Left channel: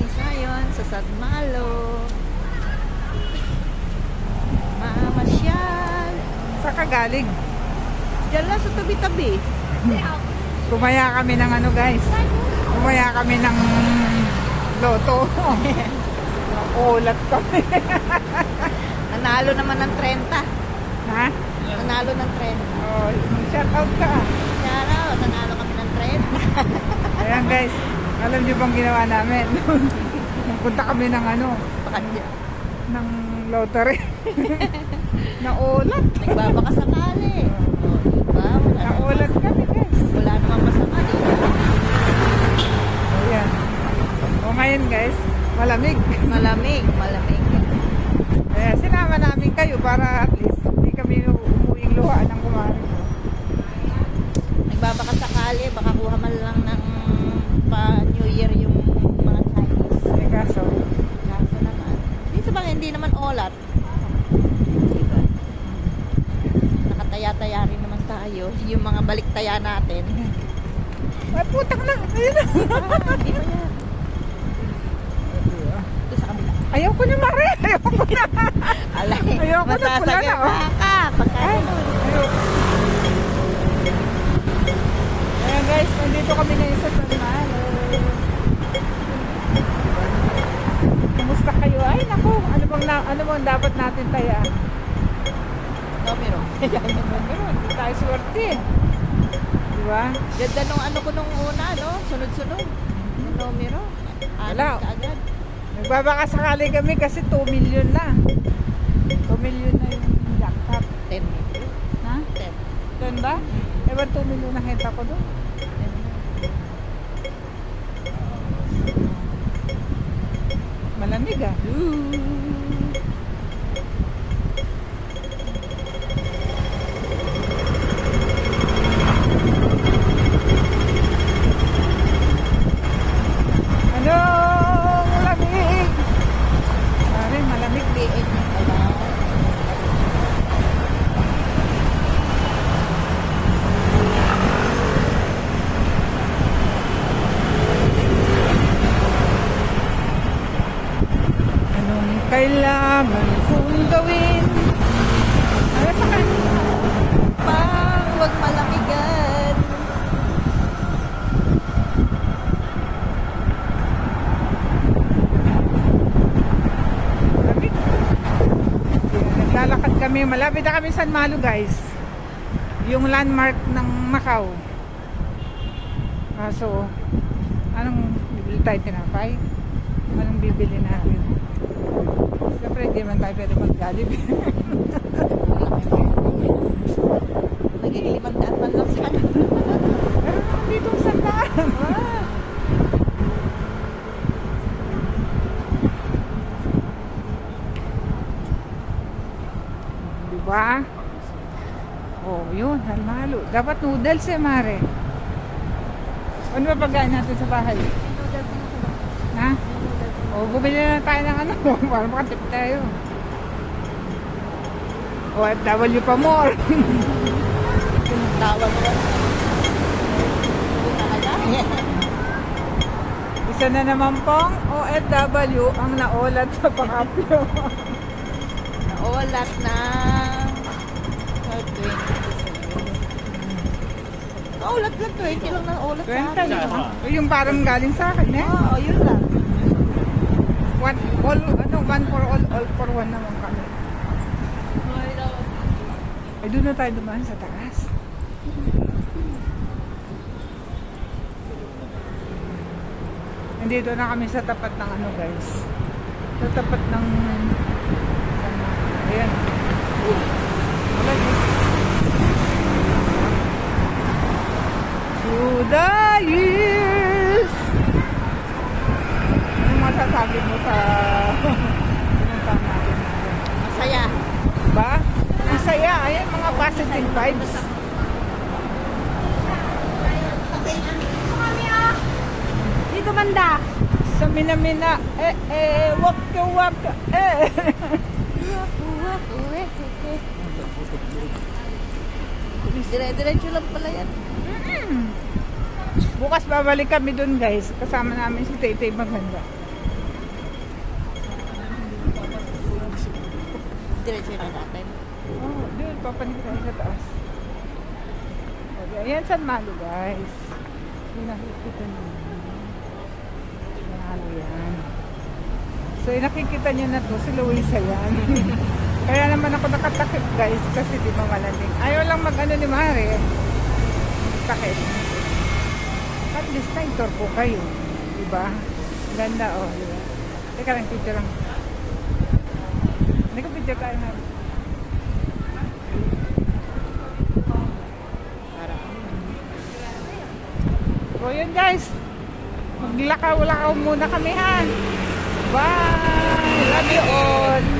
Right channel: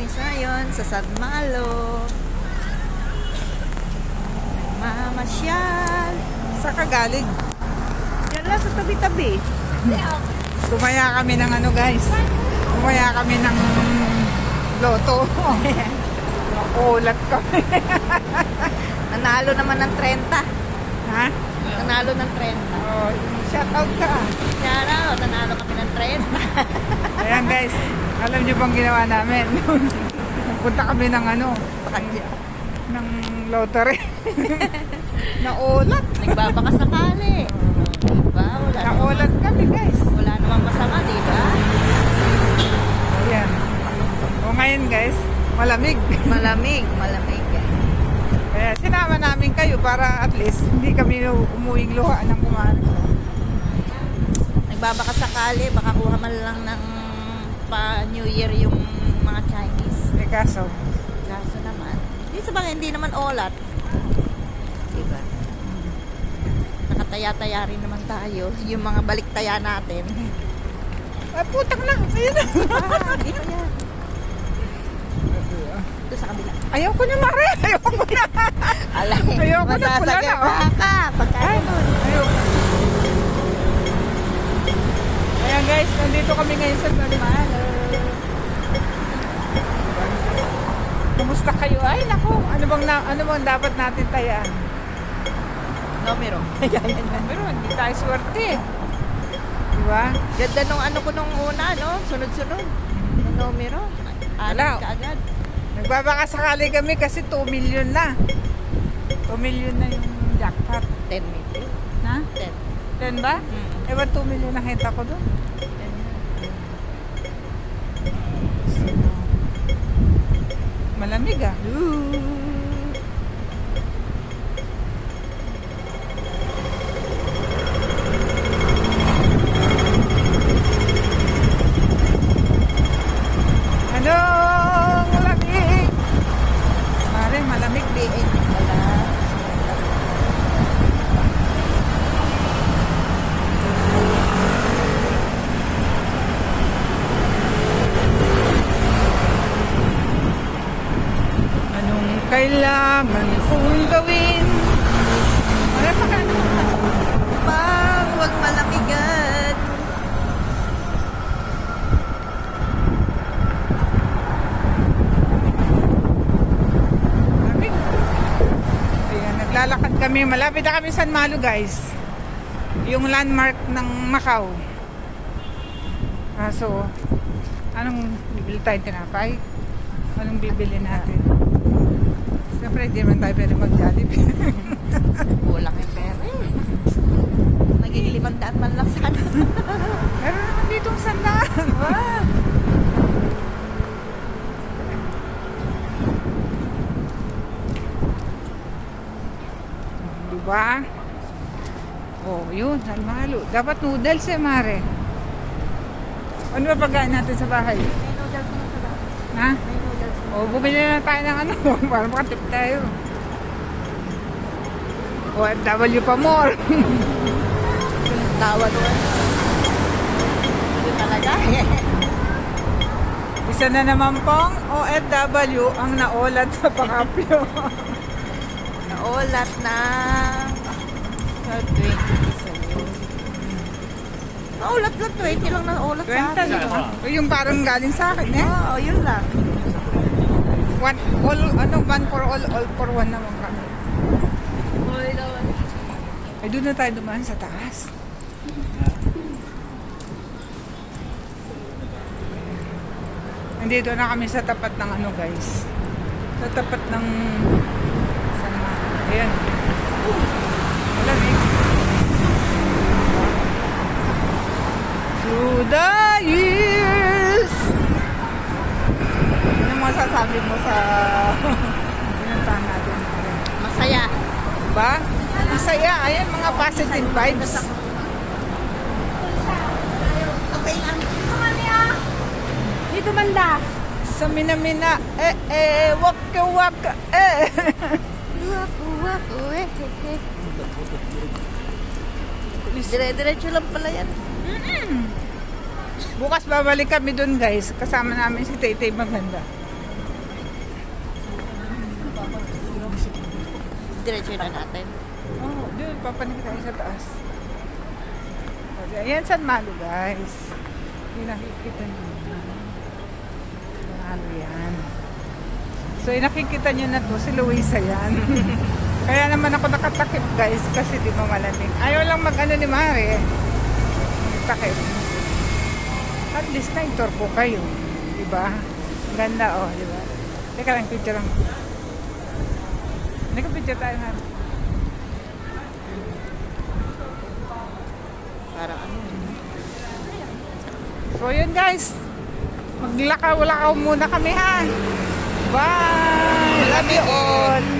Picnic ngayon sa San Malo. Mamasyal. Sa kagaling. Diyan lang sa tabi-tabi. Tumaya kami ng ano guys. Tumaya kami ng loto. Ulat kami. Nanalo naman ng 30. Ha? Nanalo ng 30. Oh, shout out ka. Kaya nanalo kami ng 30. Ayan guys. Alam niyo bang ginawa namin? Punta kami ng ano? Ng lottery. Naulat. Nagbabaka sakali. Diba? Naulat kami guys. Wala namang masama, diba? Ayan. O ngayon guys, malamig. Malamig. Kaya sinama namin kayo para at least hindi kami umuwing luha ng kumari. Nagbabaka sakali, baka kuha man lang ng pa New Year yung mga Chinese. Kaso naman. Hindi naman olat. Diba? Nakataya-taya rin naman tayo. Yung mga baliktaya natin. putang lang. Ito sa kabila. Ayoko niya mare. Ayoko na. Alay. Ayoko na pula na. Ka. Ayoko. Ayan guys, nandito kami ngayon sa San Malo. Kumusta kayo? Ay naku, ano bang dapat natin tayaan? Numero. Pero hindi tayo swerte. Diba? Ganda nung ano ko nung una, no? Sunod-sunod. Yung numero. Wala. Kaagad. Nagbabaka sakali kami kasi 2 million na. 2 million na yung jackpot. 10 million. Ha? 10. 10 ba? Ewan 2 million na kita ko doon. Malamig ah. Ano? Malamig. Malamig din. Kailangan kong gawin. Ay, Pang, huwag malamigan. naglalakad kami. Malapit na kami San Malo guys. Yung landmark ng Macau. So, anong bibili tayo tinapay? Anong bibili natin? Siyempre, hindi man tayo pwede mag-Jollibee. Kulang yung pera. Naging 500 man lang sana. Meron naman dito ang sandaan. Diba? Oh, yun. San Malo. Dapat noodles eh, Mare. Ano ba pagkain natin sa bahay? May noodles na sa bahay. Ha? May noodles na. O, bumili na tayo ng ano. Para makatip tayo. OFW pa more. Tawa naman. Ito talaga. Isa na naman pong OFW ang naulat sa Pakapyo. Naulat na 20%. Naulat lang, 20 lang na ulat sa akin. Yung parang galing sa akin eh. Oo, yun lang. One for all for one naman kami. Ay, doon na tayo dumaan sa taas. Nandito na kami sa tapat ng ano guys. Sa tapat ng San Malo. Ayan. Malamig. Through the years. Anong masasabi mo sa pinuntahan natin? Masaya. Diba? Masaya. Ayan, mga positive vibes. Okay lang. Dito banda. Sa Minamina. Waka waka. Dire-diretso lang pala yan. Bukas babalik kami dun guys. Kasama namin si Taytay Maganda. Diretso na natin. Oo, doon, papanik tayo sa taas. Ayan, San Malo, guys. Yung nakikita nyo. San Malo yan. So, yung nakikita nyo na to, si Luisa yan. Kaya naman ako nakatakip, guys, kasi di ba malamig. Ayaw lang mag-ano ni Mare. Takip. At least na turbo kayo. Diba? Ganda, oh, diba? Teka lang, picture lang. Nagka-picture tayo nga. Parang ano. So yun guys, maglakaw-lakaw muna kami ha. Bye! Love you all!